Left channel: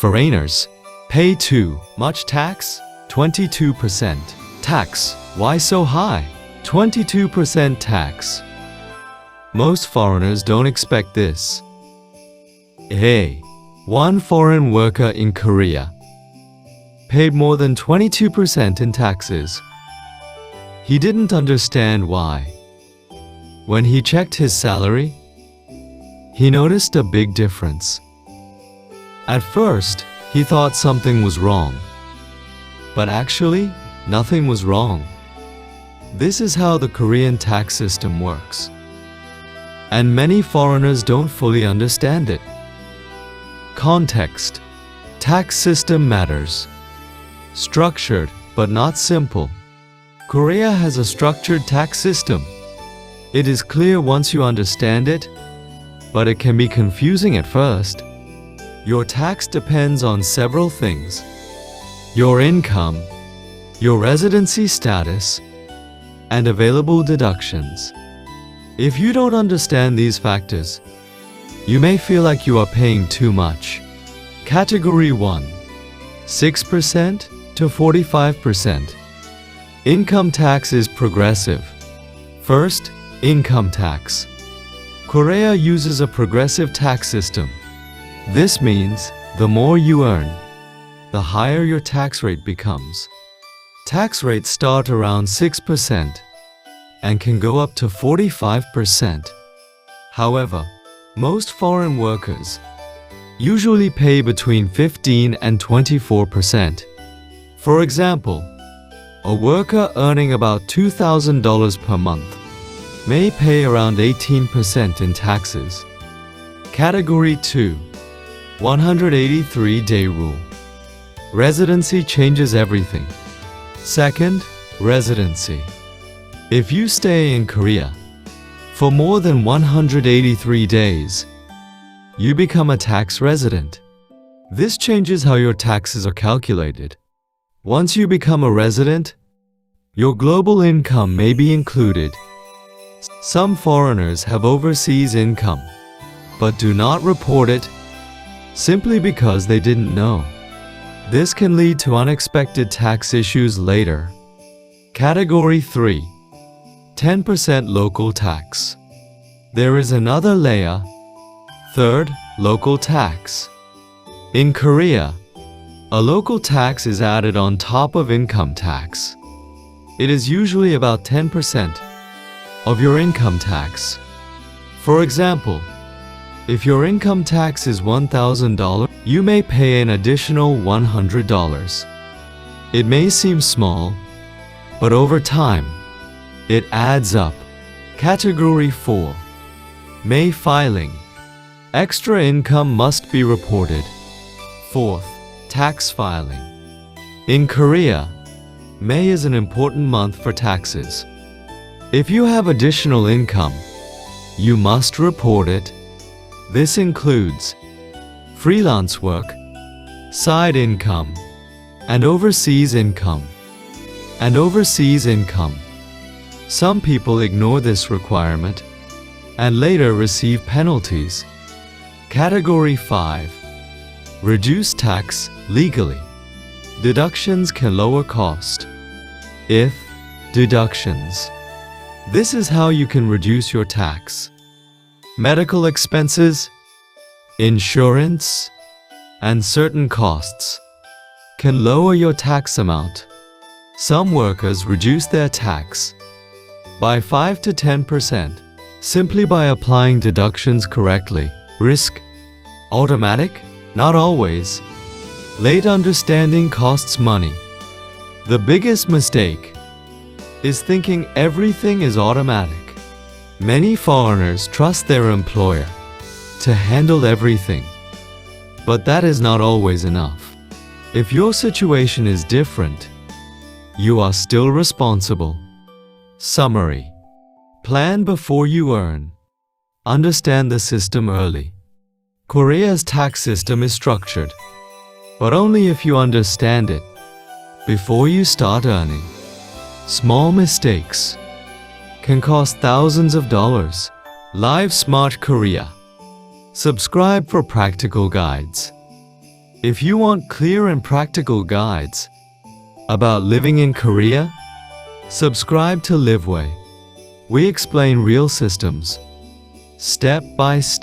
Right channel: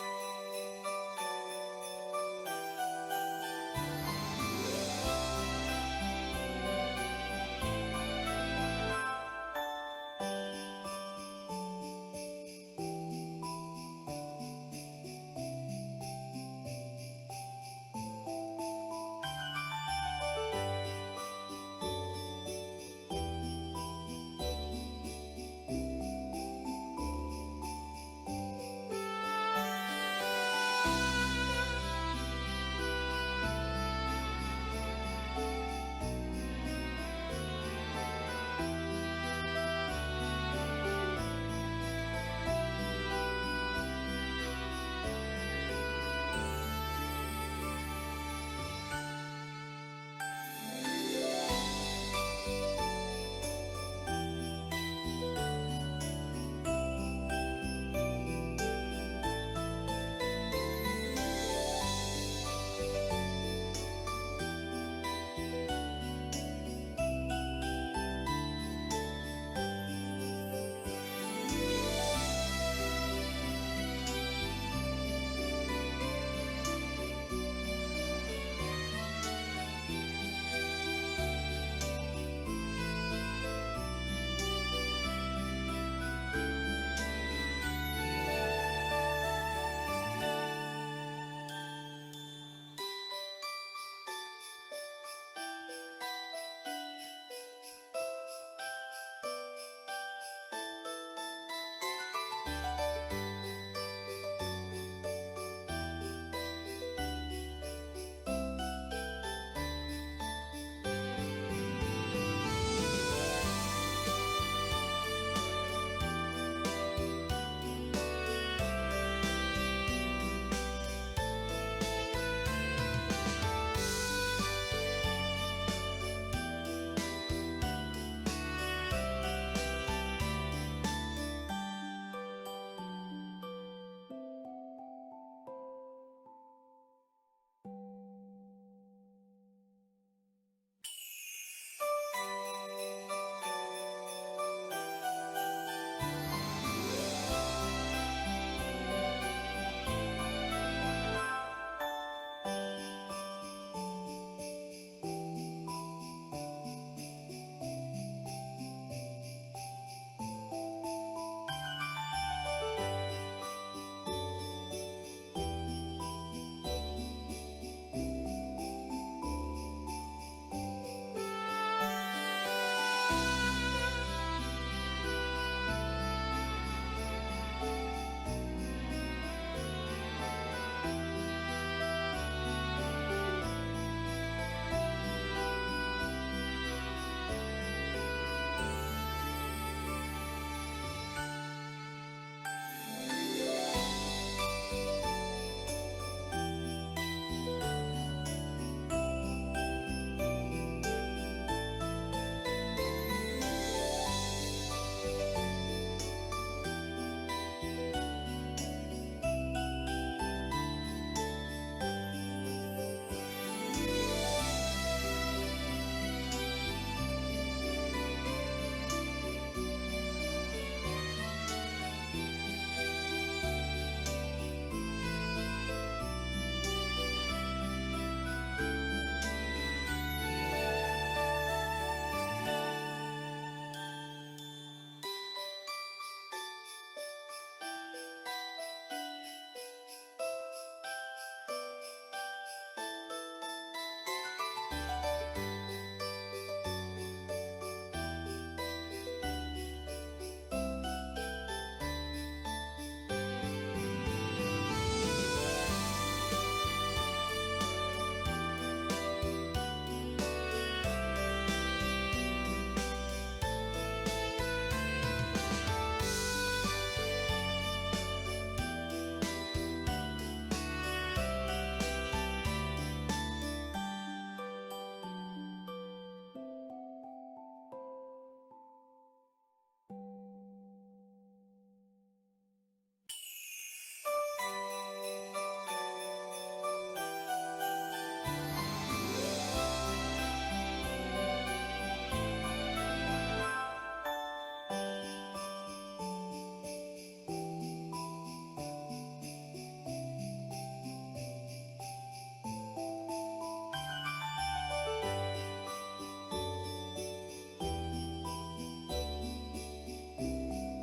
Foreigners pay too much tax, 22%. Tax, why so high? 22% tax. Most foreigners don't expect this. Hey, one foreign worker in Korea paid more than 22% in taxes. He didn't understand why. When he checked his salary, he noticed a big difference. At first, he thought something was wrong. But actually, nothing was wrong. This is how the Korean tax system works. And many foreigners don't fully understand it. Context. Tax system matters. Structured, but not simple. Korea has a structured tax system. It is clear once you understand it, but it can be confusing at first. Your tax depends on several things: your income, your residency status, and available deductions. If you don't understand these factors, you may feel like you are paying too much. Category 1. 6% to 45%. Income tax is progressive. First, income tax. Korea uses a progressive tax system. This means the more you earn, the higher your tax rate becomes. Tax rates start around 6% and can go up to 45%. However, most foreign workers usually pay between 15 and 24%. For example, a worker earning about $2,000 per month may pay around 18% in taxes. Category 2. 183-day rule. Residency changes everything. Second, residency. If you stay in Korea for more than 183 days, you become a tax resident. This changes how your taxes are calculated. Once you become a resident, your global income may be included. Some foreigners have overseas income, but do not report it simply because they didn't know. This can lead to unexpected tax issues later. Category 3. 10% local tax. There is another layer. Third, local tax. In Korea, a local tax is added on top of income tax. It is usually about 10% of your income tax. For example, if your income tax is $1,000, you may pay an additional $100. It may seem small, but over time, it adds up. Category 4. May filing. Extra income must be reported. Fourth, tax filing. In Korea, May is an important month for taxes. If you have additional income, you must report it. This includes freelance work, side income, and overseas income. Some people ignore this requirement and later receive penalties. Category 5. Reduce tax legally. Deductions can lower cost. If deductions. This is how you can reduce your tax. Medical expenses, insurance, and certain costs can lower your tax amount. Some workers reduce their tax by 5 to 10% simply by applying deductions correctly. Risk. Automatic? Not always. Late understanding costs money. The biggest mistake is thinking everything is automatic. Many foreigners trust their employer to handle everything, but that is not always enough. If your situation is different, you are still responsible. Summary. Plan before you earn. Understand the system early. Korea's tax system is structured, but only if you understand it before you start earning. Small mistakes can cost thousands of dollars. Live Smart Korea. Subscribe for practical guides. If you want clear and practical guides about living in Korea, subscribe to Livway. We explain real systems, step by step.